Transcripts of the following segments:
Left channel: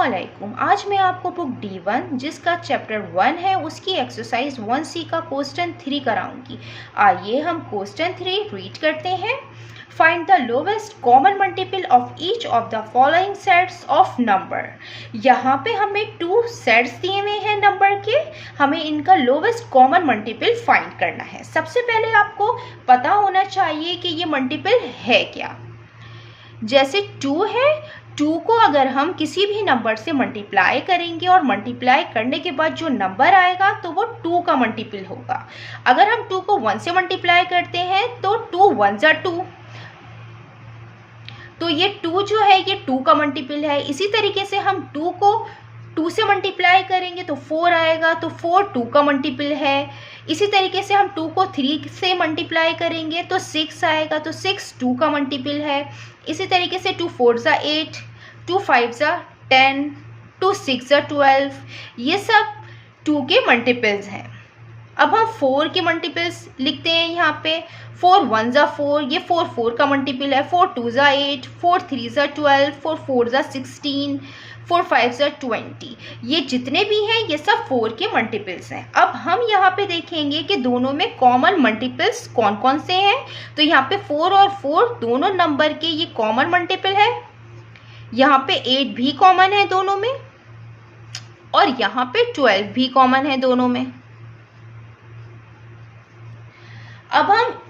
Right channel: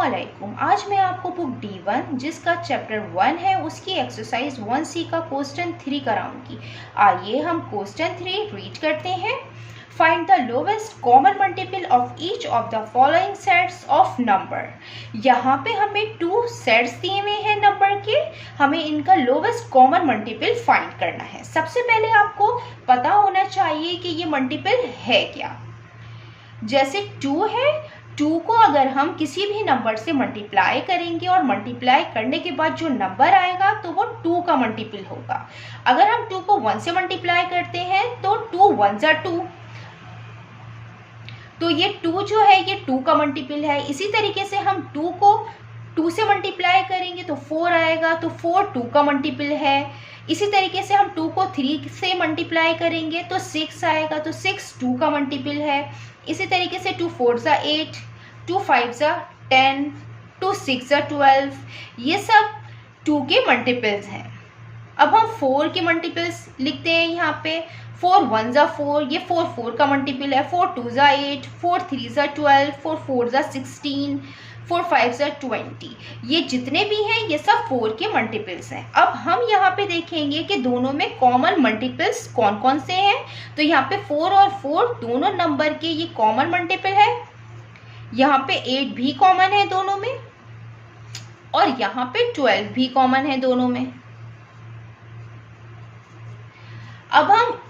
अस्सलामुअलैकुम। आज मैं आपको बुक D1 जिसका चैप्टर 1 है उसकी एक्सरसाइज 1C का क्वेश्चन 3 कराऊंगी। आइए हम क्वेश्चन 3 रीड करते हैं। Find the lowest common multiple of each of the following sets of number. यहाँ पे हमें 2 सेट्स दिए हुए हैं नंबर के, हमें इनका लोवेस्ट कॉमन मल्टीपल फाइंड करना है। सबसे पहले आपको पता होना चाहिए कि ये मल्टीपल है क्या। जैसे 2 है, 2 को अगर हम किसी भी नंबर से मल्टीप्लाई करेंगे और मल्टीप्लाई करने के बाद जो नंबर आएगा तो वो 2 का मल्टीपल होगा। अगर हम 2 को 1 से मल्टीप्लाई करते हैं तो 2 1 जा 2, तो ये 2 जो है ये 2 का मल्टीपल है। इसी तरीके से हम 2 को 2 से मल्टीप्लाई करेंगे तो 4 आएगा, तो 4 2 का मल्टीपल है। इसी तरीके से हम 2 को 3 से मल्टीप्लाई करेंगे तो 6 आएगा, तो 6 2 का मल्टीपल है। इसी तरीके से 2 4 जा 8, 2 5 जा 10, 2 6 जा 12, ये सब 2 के मल्टीपल्स हैं। अब हम 4 के मल्टीपल्स लिखते हैं यहाँ पे। 4 1 जा 4, ये 4 4 का मल्टीपल है। 4 2 जा 8, 4 3 जा 12, 4 4 जा 16, 4 5 जा 20, ये जितने भी हैं ये सब 4 के मल्टीपल्स हैं। अब हम यहाँ पे देखेंगे कि दोनों में कॉमन मल्टीपल्स कौन कौन से हैं। तो यहाँ पे 4 और 4 दोनों नंबर के ये कॉमन मल्टीपल है। यहाँ पे 8 भी कॉमन है दोनों में, और यहाँ पे 12 भी कॉमन है दोनों में। अब हम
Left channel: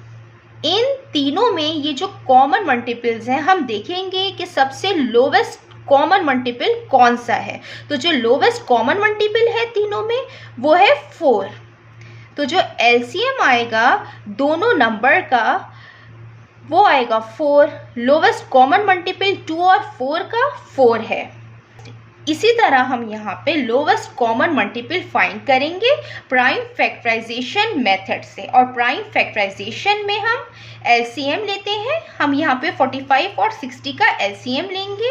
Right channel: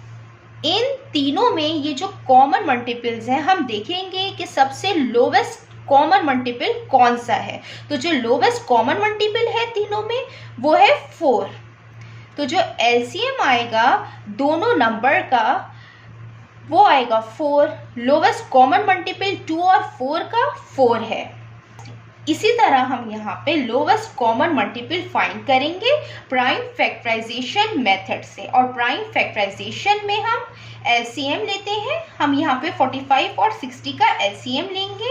इन तीनों में ये जो कॉमन मल्टीपल्स हैं हम देखेंगे कि सबसे लोवेस्ट कॉमन मल्टीपल कौन सा है। तो जो लोवेस्ट कॉमन मल्टीपल है तीनों में वो है 4। तो जो एलसीएम आएगा दोनों नंबर का वो आएगा 4। लोवेस्ट कॉमन मल्टीपल 2 और 4 का 4 है। इसी तरह हम यहाँ पे लोवेस्ट कॉमन मल्टीपल फाइंड करेंगे प्राइम फैक्टराइजेशन मेथड से, और प्राइम फैक्टराइजेशन में हम एलसीएम लेते हैं। हम यहाँ पे 45 और 60 का एलसीएम लेंगे।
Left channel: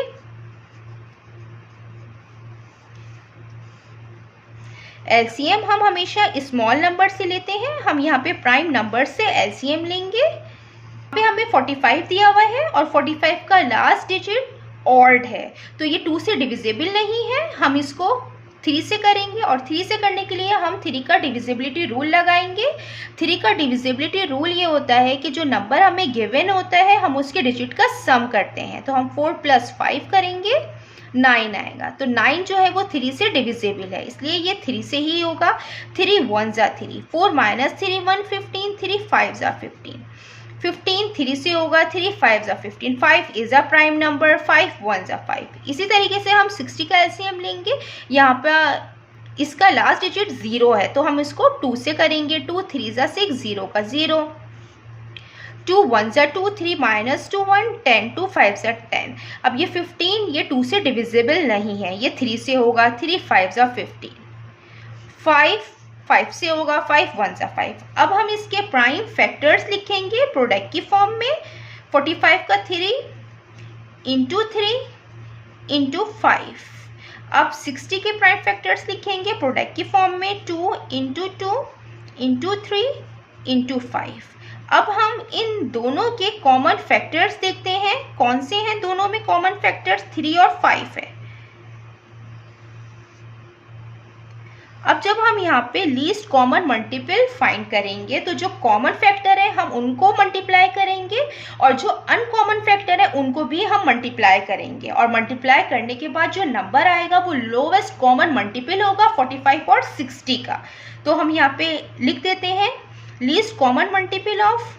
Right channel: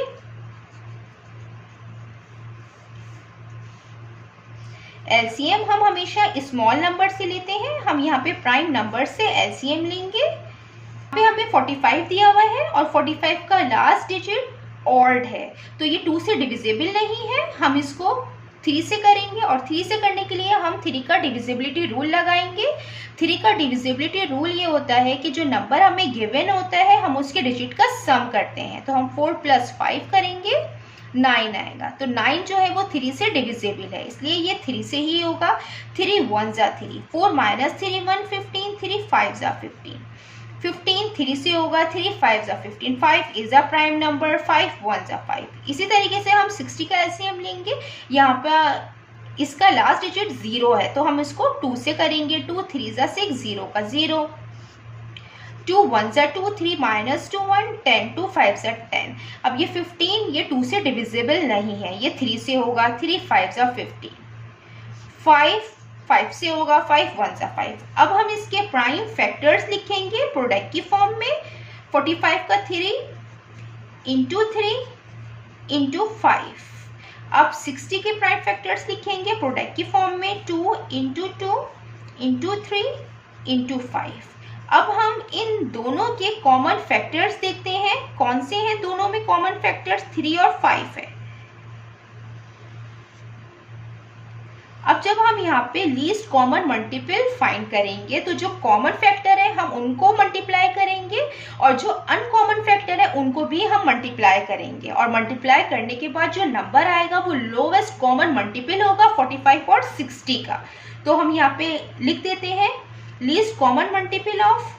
एलसीएम हम हमेशा स्मॉल नंबर से लेते हैं, हम यहाँ पे प्राइम नंबर से एलसीएम लेंगे। यहाँ पे हमें 45 दिया हुआ है और 45 का लास्ट डिजिट ऑड है, तो ये 2 से डिविजिबल नहीं है। हम इसको 3 से करेंगे, और 3 से करने के लिए हम 3 का डिविजिबिलिटी रूल लगाएंगे। 3 का डिविजिबिलिटी रूल ये होता है कि जो नंबर हमें गिवन होता है हम उसके डिजिट का सम करते हैं। तो हम 4 + 5 करेंगे, 9 आएगा। तो 9 जो है वो 3 से डिविजिबल है, इसलिए ये 3 से ही होगा। 3 1 जा 3, 4 - 3 1 15, 3 5 जा 15, 15 3 से होगा, 3 5 जा 15, 5 इज अ प्राइम नंबर, 5 1 जा 5। इसी तरीके से हम 60 का एलसीएम लेंगे। यहाँ पर इसका लास्ट डिजिट 0 है, तो हम इसको 2 से करेंगे। 2 3 जा 6, 0 का 0, 2 1 जा 2, 3 - 2 1, 10, 2 5 जा 10। अब ये 15 ये 2 से डिविजिबल नहीं है, ये 3 से होगा। 3 5 जा 15, 5 से होगा, 5 1 जा 5। अब हम इसके प्राइम फैक्टर्स लिखेंगे प्रोडक्ट की फॉर्म में। 45 का 3 × 3 × 5। अब 60 के प्राइम फैक्टर्स लिखेंगे प्रोडक्ट की फॉर्म में, 2 × 2 × 3 × 5। अब हम इन दोनों के कॉमन फैक्टर्स देखते हैं कौन से हैं। दोनों में कॉमन फैक्टर्स 3 और 5 है। अब जब हम यहाँ पे लीस्ट कॉमन मल्टीपल फाइंड करेंगे तो जो कॉमन फैक्टर है हम उनको मल्टीप्लाई करेंगे, और जो अनकॉमन फैक्टर है उनको भी हम मल्टीप्लाई करेंगे, और मल्टीप्लाई करने के बाद जो नंबर आएगा वो लोवेस्ट कॉमन मल्टीपल होगा 45 और 60 का। तो हम यहाँ पे लिख देते हैं least common multiple of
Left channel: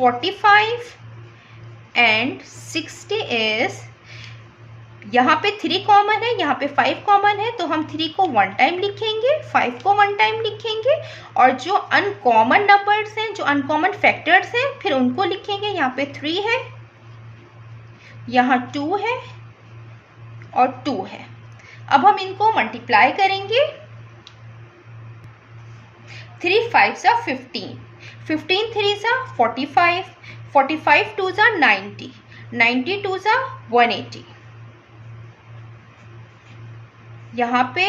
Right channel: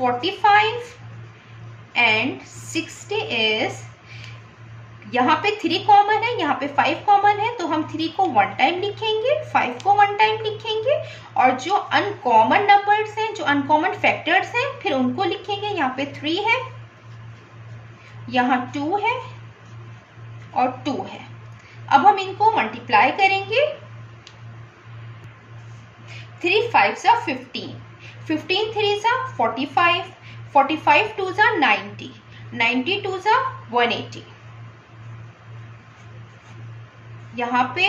45 and 60 is, यहाँ पे 3 कॉमन है, यहाँ पे 5 कॉमन है, तो हम 3 को 1 टाइम लिखेंगे, 5 को 1 टाइम लिखेंगे, और जो अनकॉमन नंबर्स हैं, जो अनकॉमन फैक्टर्स हैं, फिर उनको लिखेंगे। यहाँ पे 3 है, यहाँ 2 है और 2 है। अब हम इनको मल्टीप्लाई करेंगे। 3 5 जा 15, 15 3 जा 45, 45 2 जा 90, 90 2 जा 180। यहाँ पे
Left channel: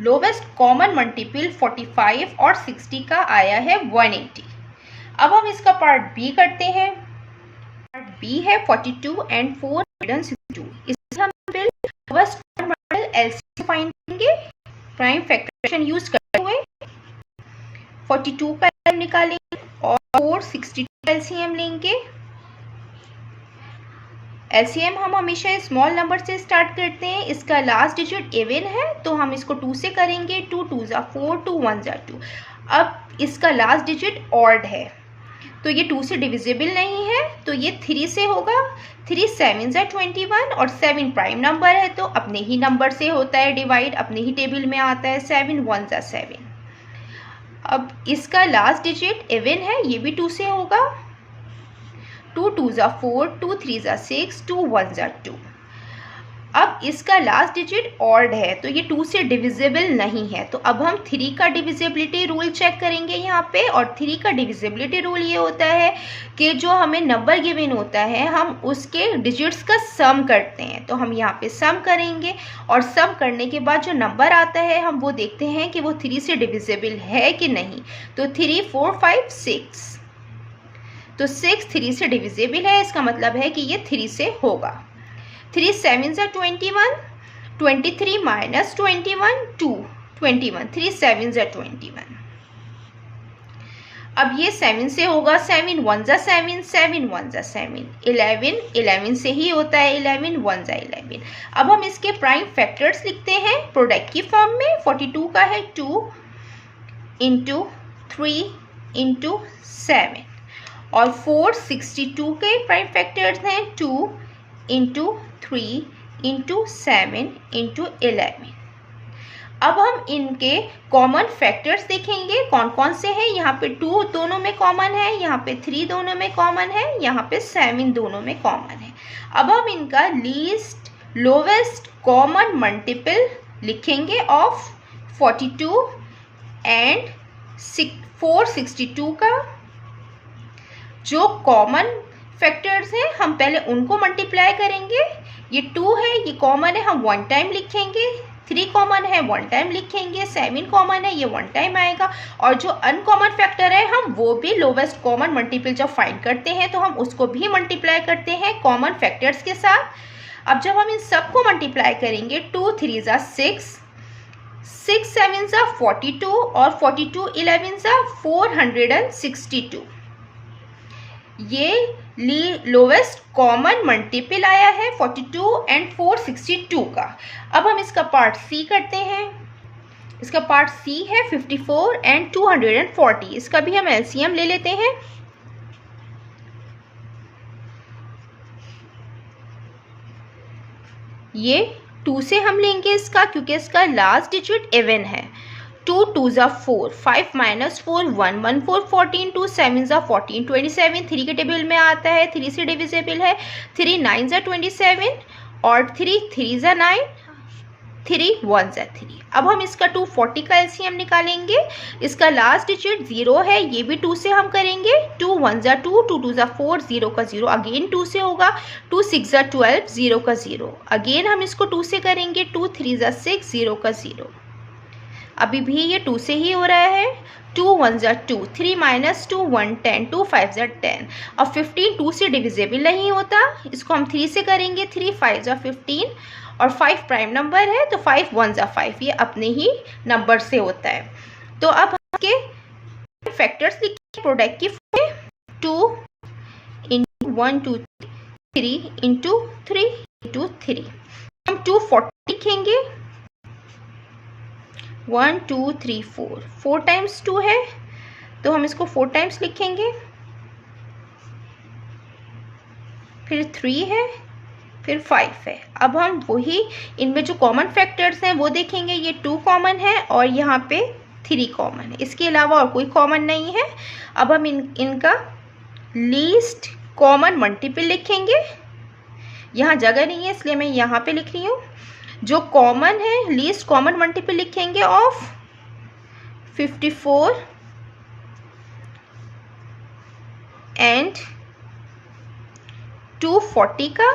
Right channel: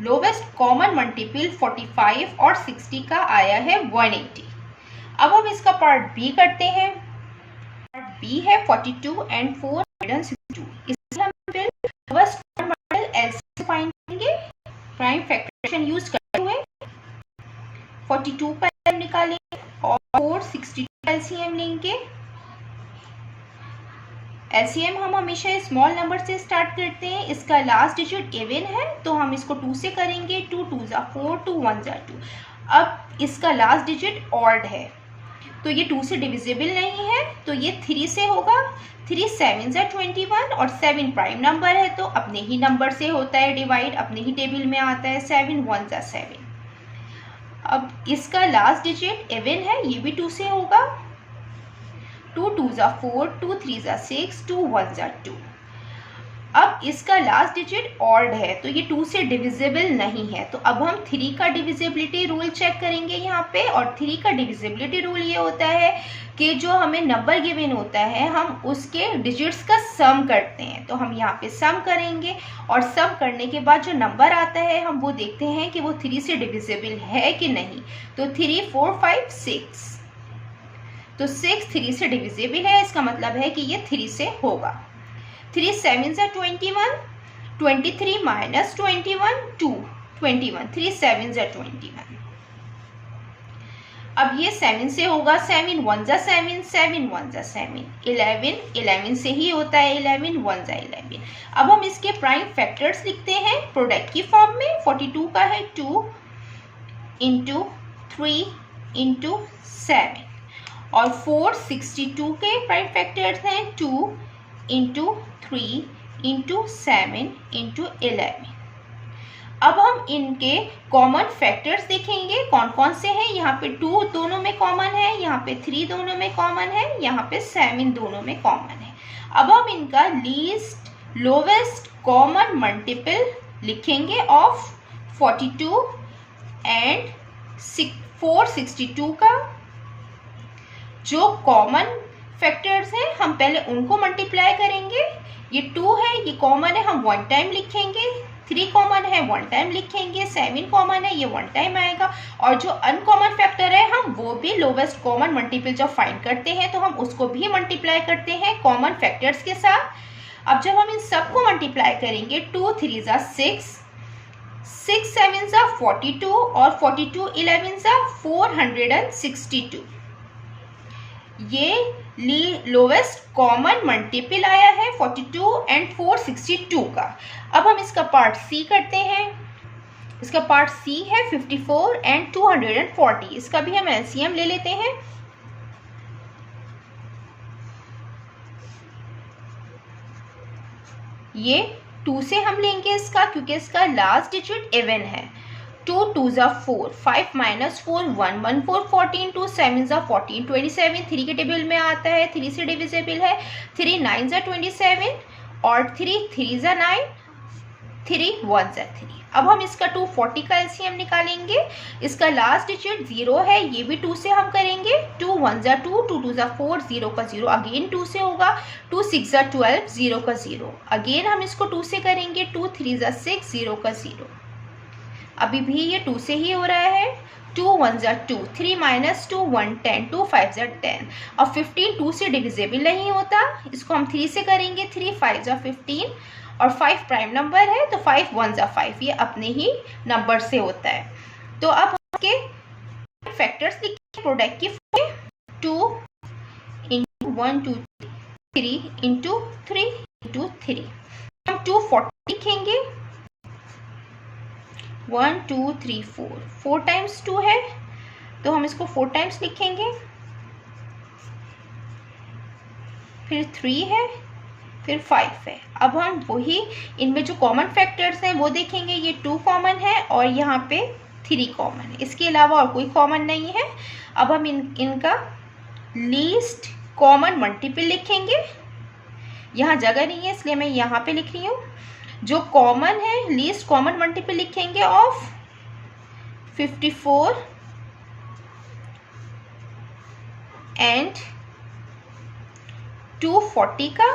लोवेस्ट कॉमन मल्टीपल 45 और 60 का आया है 180। अब हम इसका पार्ट बी करते हैं। पार्ट बी है 42 and 4 162। इसमें हम प्राइम फैक्टराइजेशन यूज करते हुए 42 का LCM निकालेंगे और 462 का LCM लेंगे। LCM हम हमेशा स्मॉल नंबर से स्टार्ट करते हैं। इसका लास्ट डिजिट इवन है तो हम इसको 2 से करेंगे। 2 2 ज़ा 4, 2 1 ज़ा 2। अब इसका लास्ट डिजिट ऑड है तो ये 2 से डिविजिबल नहीं है तो ये 3 से होगा। 3 7 ज़ा 21 और 7 प्राइम नंबर है तो अपने ही नंबर से होता है डिवाइड, अपने ही टेबल में आता है। 7 1 ज़ा 7। अब इसका लास्ट डिजिट इवन है, ये भी 2 से होगा। 2 2 ज़ा 4, 2 3 ज़ा 6, 2 1 ज़ा 2। अब इसका लास्ट डिजिट ऑड है तो ये 2 से डिविजिबल नहीं है तो अब हम 3 का डिविजिबिलिटी रूल चेक करेंगे यहाँ पे। और 3 का डिविजिबिलिटी रूल ये होता है कि जो हमें नंबर गिवन होता है हम उसके डिजिट्स का सम करते हैं। तो हम यहाँ पे सम करेंगे और सम करने के बाद जो नंबर आता है हम वो देखते हैं कि वो 3 से डिविजिबल है कि नहीं। तो 3 4 5 6, तो 6 3 से डिविजिबल है, इसका मतलब है कि ये 3 से होगा। 3 7 ज़ा 21, 23 माइनस 21 2, 21, 3 7 ज़ा 21। अब ये 7 से होगा। 7 1 ज़ा 7, 7 1 ज़ा 7, 11, 11 से ही होता है। 11 1 ज़ा 11। अब हम इसके प्राइम फैक्टर्स लिखते हैं प्रोडक्ट की फॉर्म में। 42 का है 2 इंटू 3 इंटू 7 और 462 के प्राइम फैक्टर्स हैं 2 इंटू 3 इंटू 7 इंटू 11। अब हम इनके कॉमन फैक्टर्स देखेंगे कौन कौन से हैं। यहाँ पे 2 दोनों में कॉमन है, यहाँ पे 3 दोनों में कॉमन है, यहाँ पे 7 दोनों में कॉमन है। अब हम इनका लीस्ट लोवेस्ट कॉमन मल्टीपल लिखेंगे ऑफ 42 एंड 462 का। जो कॉमन फैक्टर्स हैं हम पहले उनको मल्टीप्लाई करेंगे। ये 2 है, ये कॉमन है, हम 1 टाइम लिखेंगे। 3 कॉमन है, 1 टाइम लिखेंगे। 7 कॉमन है, ये 1 टाइम आएगा। और जो अनकॉमन फैक्टर है हम वो भी लोवेस्ट कॉमन मल्टीपल जब फाइंड करते हैं तो हम उसको भी मल्टीप्लाई करते हैं कॉमन फैक्टर्स के साथ। अब जब हम इन सबको मल्टीप्लाई करेंगे 2 3 ज़ा 6, 6 7 ज़ा 42 और 42 11 ज़ा 462। ये लोवेस्ट कॉमन मल्टीपल आया है 42 एंड 462 का। अब हम इसका पार्ट सी करते हैं। इसका पार्ट सी है 54 एंड 240। इसका भी हम एलसीएम ले लेते हैं। ये 2 से हम लेंगे इसका क्योंकि इसका लास्ट डिजिट इवन है। 2 2 ज़ा 4, 5 माइनस 4 1, 1 4 14, 2 7 ज़ा 14 27। 3 के टेबल में आता है, 3 से डिविजिबल है। 3 9 ज़ा 27 और 3 3 ज़ा 9, 3 1 ज़ा 3। अब हम इसका 240 का एलसीएम निकालेंगे। इसका लास्ट डिजिट 0 है, ये भी 2 से हम करेंगे। 2 1 ज़ा 2, 2 2 ज़ा 4, 0 का 0 अगेन 2 से होगा। 2 6 ज़ा 12, 0 का 0 अगेन हम इसको 2 से करेंगे। 2 3 ज़ा 6, 0 का 0 अभी भी ये 2 से ही हो रहा है। 2 1 ज़ा 2, 3 माइनस 2 1 10, 2 5 ज़ा 10। अब 15 2 से डिविजिबल नहीं होता, इसको हम 3 से करेंगे। 3 5 ज़ा 15 और 5 प्राइम नंबर है तो 5 1 ज़ा 5, ये अपने ही नंबर से होता है। तो अब हम के फैक्टर्स लिखें प्रोडक्ट की फॉर्म में। 2 इंटू 1 2 3 इंटू 3 इंटू 3। हम 240 लिखेंगे। 1 2 3 4, 4 टाइम्स 2 है तो हम इसको 4 टाइम्स लिखेंगे। फिर 3 है, फिर 5 है। अब हम वही इनमें जो कॉमन फैक्टर्स हैं वो देखेंगे। ये 2 कॉमन है और यहाँ पे 3 कॉमन है, इसके अलावा और कोई कॉमन नहीं है। अब हम इनका लीस्ट कॉमन मल्टीपल लिखेंगे। यहाँ जगह नहीं है इसलिए मैं यहाँ पे लिख रही हूँ। जो कॉमन है लीस्ट कॉमन मल्टीपल लिखेंगे ऑफ 54 एंड 240 का।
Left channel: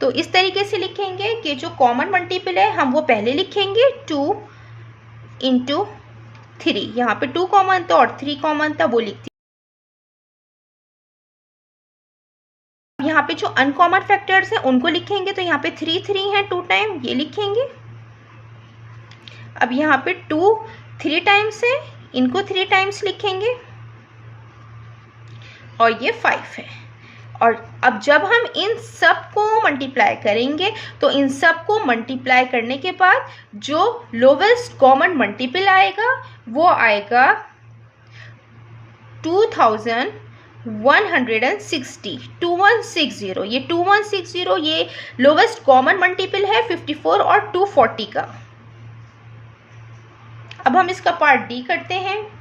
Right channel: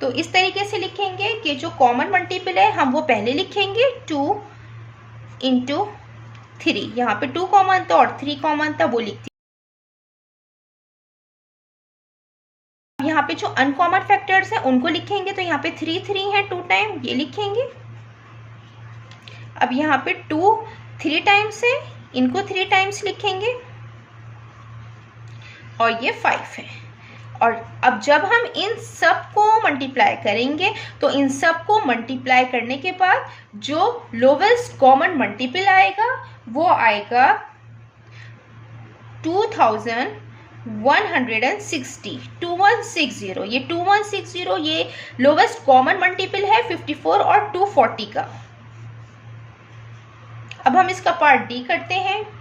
तो इस तरीके से लिखेंगे कि जो कॉमन मल्टीपल है हम वो पहले लिखेंगे। 2 इंटू 3, यहाँ पे 2 कॉमन था और 3 कॉमन था, वो लिखती। यहाँ पे जो अनकॉमन फैक्टर्स हैं उनको लिखेंगे तो यहाँ पे 3 3 है 2 टाइम, ये लिखेंगे। अब यहाँ पे 2 3 टाइम्स है, इनको 3 टाइम्स लिखेंगे और ये 5 है। और अब जब हम इन सब को मल्टीप्लाई करेंगे तो इन सब को मल्टीप्लाई करने के बाद जो लोवेस्ट कॉमन मल्टीपल आएगा वो आएगा 2160, 2160। ये 2160 ये लोवेस्ट कॉमन मल्टीपल है 54 और 240 का। अब हम इसका पार्ट डी करते हैं।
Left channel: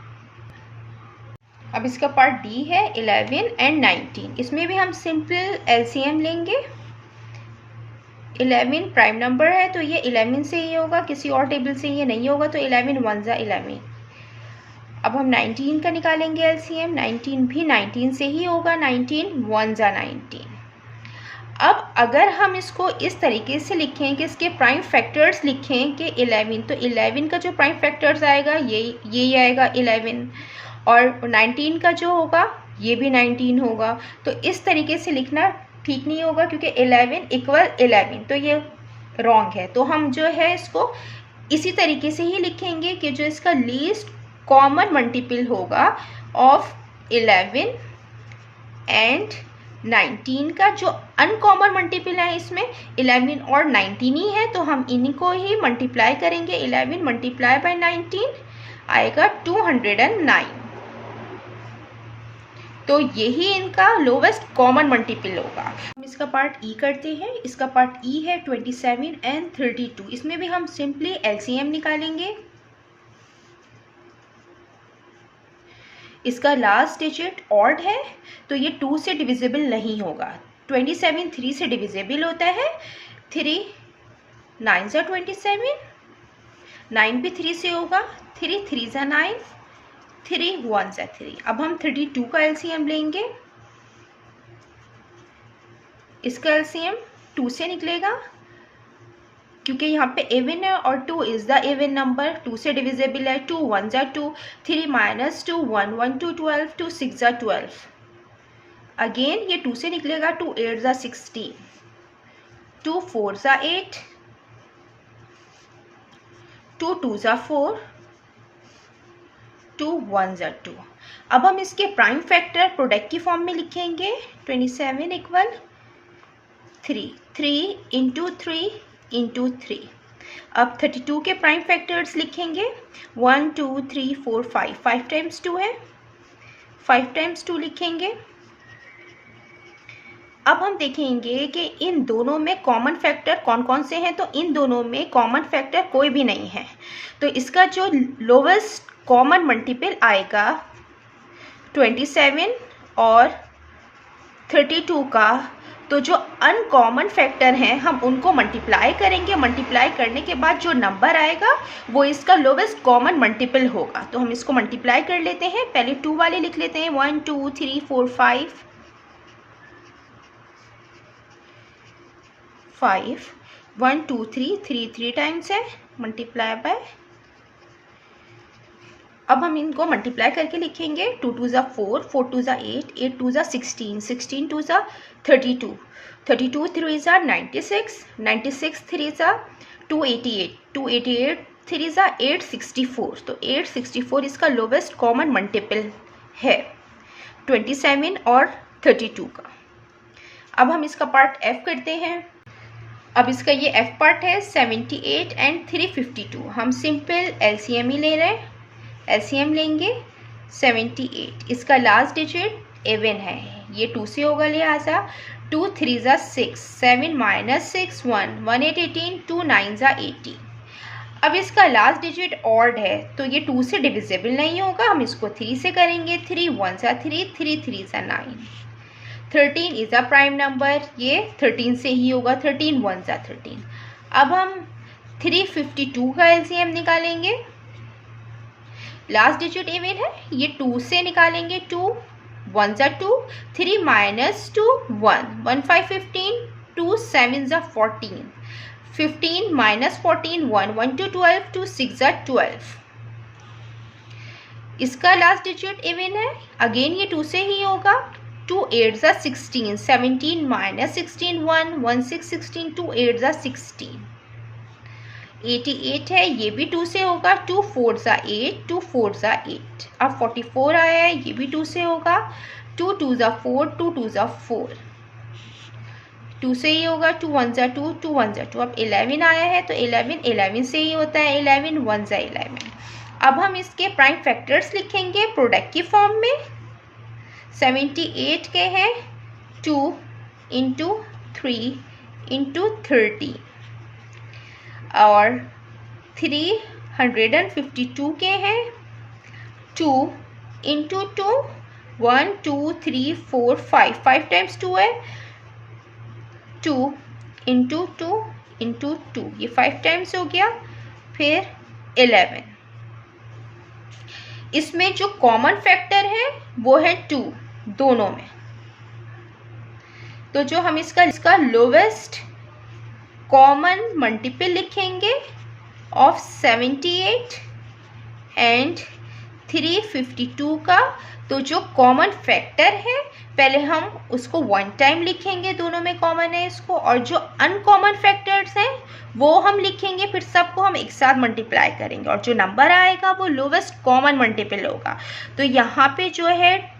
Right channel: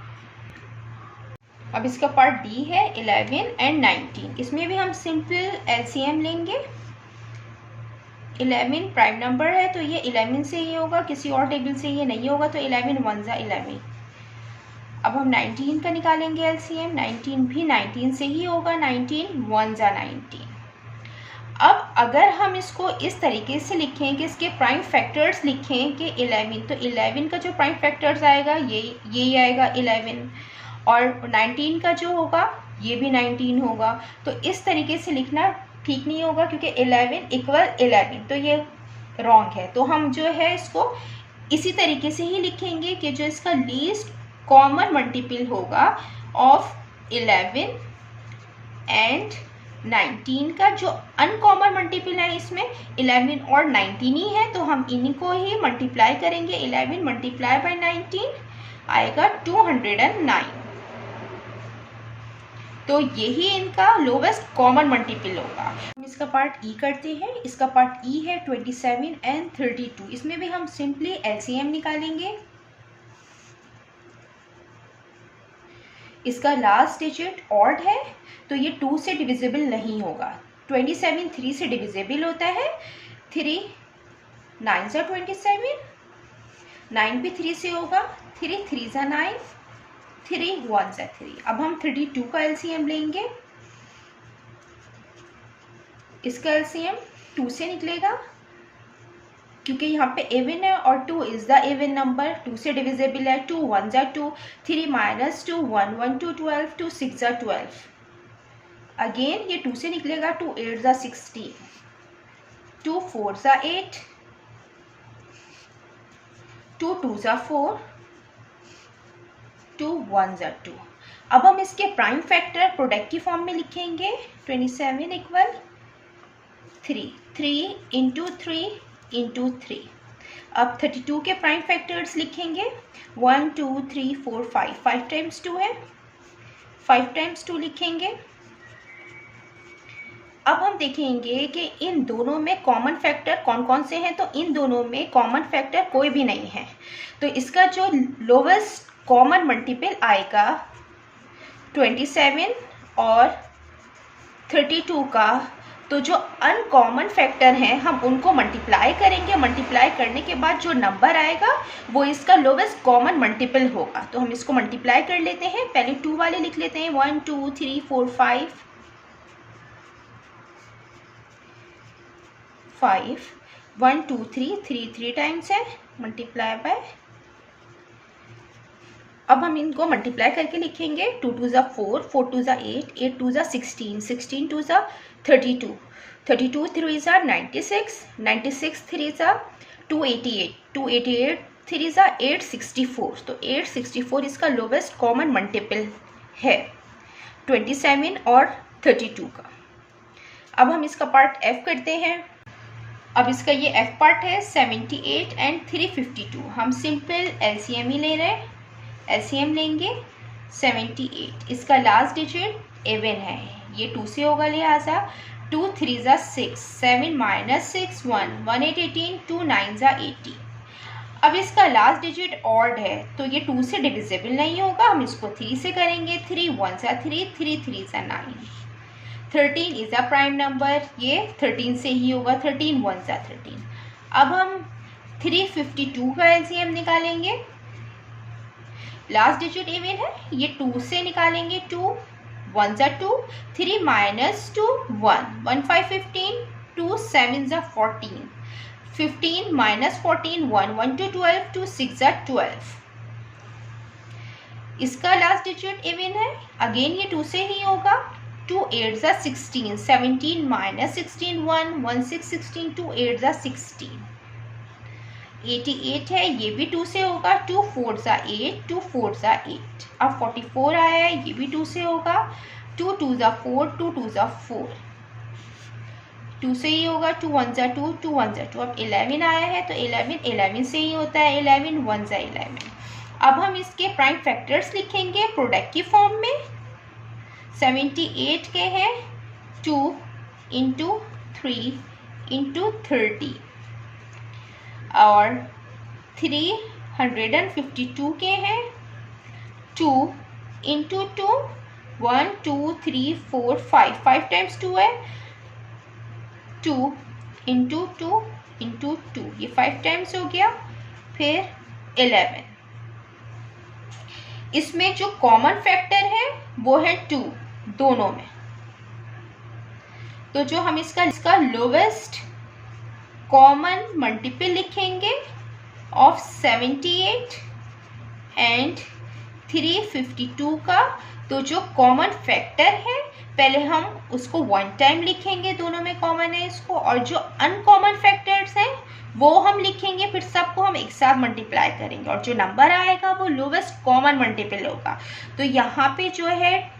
अब इसका पार्ट डी है 11 एंड 19। इसमें भी हम सिंपल एलसीएम लेंगे। 11 प्राइम नंबर है तो ये 11 से ही होगा, किसी और टेबल से ये नहीं होगा, तो 11 1 जा 11। अब हम 19 का निकालेंगे एलसीएम। 19 भी 19 से ही होगा, 19 1 जा 19। अब अगर हम इसको इस तरीके से लिखें कि इसके प्राइम फैक्टर्स लिखें कि 11, तो 11 का जो प्राइम फैक्टर्स आएगा ये आएगा 11, और 19 का जो होगा ये भी 19 होगा। तो इस तरीके से लिखना ठीक नहीं होगा क्योंकि 11 इक्वल 11, तो ये रॉन्ग है। तो हम जो है इसको इसी तरीके से ही लिखेंगे कि जो इसका लीस्ट कॉमन मल्टीपल होगा ऑफ 11 एंड 19 का जो अनकॉमन मल्टीपल है इसमें 11 और 19 ही है, तो हम इन्हीं को ही मल्टीप्लाई करेंगे। 11 मल्टीप्लाई बाय 19 आएगा 209। तो यही इनका लोवेस्ट कॉमन मल्टीपल होगा। हम इसका पार्ट ई करते हैं। इसका पार्ट ई है 27 एंड 32। इसमें भी हम सिंपली एलसीएम निकालेंगे। इसका लास्ट डिजिट ऑड है तो ये 2 से डिविजिबल नहीं होगा। 27 3 से डिविजिबल होता है। 3 9 जा 27, 9 भी 3 से होगा। 3 3 जा 9, 3 1 जा 3। अब हम 32 का एलसीएम लेंगे। इसका एलसीएम 2 से निकलेगा क्योंकि यहाँ पे इवन है और 2 इज द इवन नंबर। 2 से डिविजिबल है। 2 1 जा 2, 3 माइनस 2 1 1 2 12, 2 6 जा 12। अगेन ये 2 से निकलेगा। 2 8 जा 16, 2 4 जा 8, 2 2 जा 4, 2 1 जा 2। अब हम इसके प्राइम फैक्टर प्रोडक्ट की फॉर्म में लिखेंगे। 27 इक्वल 3, 3 इंटू 3 इंटू 3। अब 32 के प्राइम फैक्टर्स लिखेंगे। 1 2 3 4 5, 5 टाइम्स 2 है, 5 टाइम्स 2 लिखेंगे। अब हम देखेंगे कि इन दोनों में कॉमन फैक्टर कौन कौन से हैं। तो इन दोनों में कॉमन फैक्टर कोई भी नहीं है, तो इसका जो लोवेस्ट कॉमन मल्टीपल आएगा 27 और 32 का, तो जो अनकॉमन फैक्टर हैं हम उनको मल्टीप्लाई करेंगे। मल्टीप्लाई करने के बाद जो नंबर आएगा वो इसका लोवेस्ट कॉमन मल्टीपल होगा। तो हम इसको मल्टीप्लाई कर लेते हैं। पहले 2 वाले लिख लेते हैं। 1 2 3 4 5, 1 2 3 3 टाइम्स है, मल्टीप्लाई बाय। अब हम इनको मल्टीप्लाई करके लिखेंगे। 2 2 जा 4, 4 2 जा 8, 8 2 जा 16, 16 2 जा 32, 32 3 जा 96, 96 3 जा 288, 288 3 जा 864। तो 864 इसका लोवेस्ट कॉमन मल्टीपल है 27 और 32 का। अब हम इसका पार्ट एफ करते हैं। अब इसका ये एफ पार्ट है 78 एंड 352। हम सिंपल एलसीएम ही ले रहे हैं। एलसीएम लेंगे 78। इसका लास्ट डिजिट इवन है, ये 2 से होगा, लिहाजा 2 3 जा 6, 7 माइनस 6 1, 1 8 18, 2 9 जा 80। अब इसका लास्ट डिजिट ऑड है तो ये 2 से डिविजिबल नहीं होगा, हम इसको 3 से करेंगे। 3 1 जा 3, 3 3 जा 9। 13 इज अ प्राइम नंबर, ये 13 से ही होगा। 13 1 जा 13। अब हम 352 का एलसीएम निकालेंगे। लास्ट डिजिट इवन है, ये 2 से निकालेंगे। 2 1 जा 2, 3 माइनस 2 1, 1 5 15, 2 7 जा 14, 15 माइनस 14 1, 1 2 12, 2 6 जा 12। इसका लास्ट डिजिट इवन है, अगेन ये 2 से ही होगा। 2 8 जा 16, 17 माइनस 16 1, 1 6 16, 2 8 जा 16। 88 है, ये भी 2 से होगा, 2 4 ज़ा 8, 2 4 ज़ा 8। अब 44 आया है, ये भी 2 से होगा, 2 2 ज़ा 4, 2 2 ज़ा 4, 2 से ही होगा, 2 1 ज़ा 2, 2 1 ज़ा 2। अब 11 आया है तो 11 से ही होता है, 11 1 ज़ा 11। अब हम इसके प्राइम फैक्टर्स लिखेंगे प्रोडक्ट की फॉर्म में। 78 के हैं 2 इंटू 3 इंटू 30 और 352 के हैं 2 इंटू 2, 1 2 3 4 5, 5 टाइम्स 2 है, 2 इंटू 2 इंटू 2, ये 5 टाइम्स हो गया। फिर 11, इसमें जो कॉमन फैक्टर है वो है 2 दोनों में, तो जो हम इसका लोवेस्ट कॉमन मल्टीपल लिखेंगे ऑफ 78 एंड 352 का, तो जो कॉमन फैक्टर है पहले हम उसको 1 टाइम लिखेंगे, दोनों में कॉमन है इसको, और जो अनकॉमन फैक्टर्स हैं वो हम लिखेंगे, फिर सबको हम एक साथ मल्टीप्लाई करेंगे और जो नंबर आएगा वो लोवेस्ट कॉमन मल्टीपल होगा। तो यहाँ पे जो है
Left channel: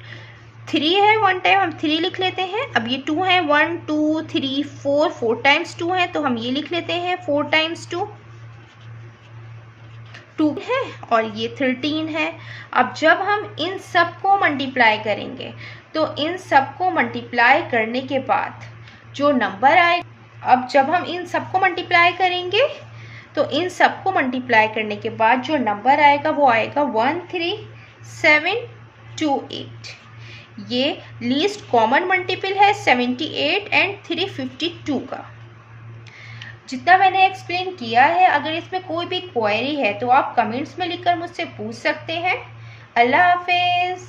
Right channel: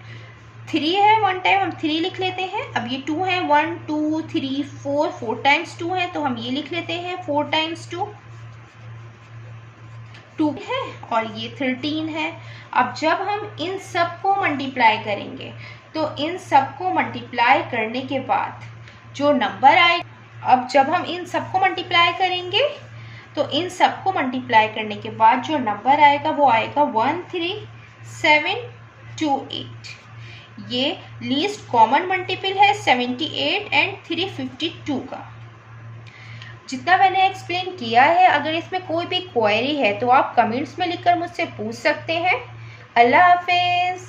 3 है, 1 टाइम हम 3 लिख लेते हैं। अब ये 2 है, 1 2 3 4, 4 टाइम्स 2 है तो हम ये लिख लेते हैं 4 टाइम्स 2, 2 है, और ये 13 है। अब जब हम इन सबको मल्टीप्लाई करेंगे तो इन सबको मल्टीप्लाई करने के बाद जो नंबर आए, अब जब हम इन सबको मल्टीप्लाई करेंगे तो इन सबको मल्टीप्लाई करने के बाद जो नंबर आएगा वो आएगा 13728। ये लीस्ट कॉमन मल्टीपल है 78 एंड 352 का। जितना मैंने एक्सप्लेन किया है, अगर इसमें कोई भी क्वेरी है तो आप कमेंट्स में लिखकर मुझसे पूछ सकते हैं। अल्लाह हाफिज़।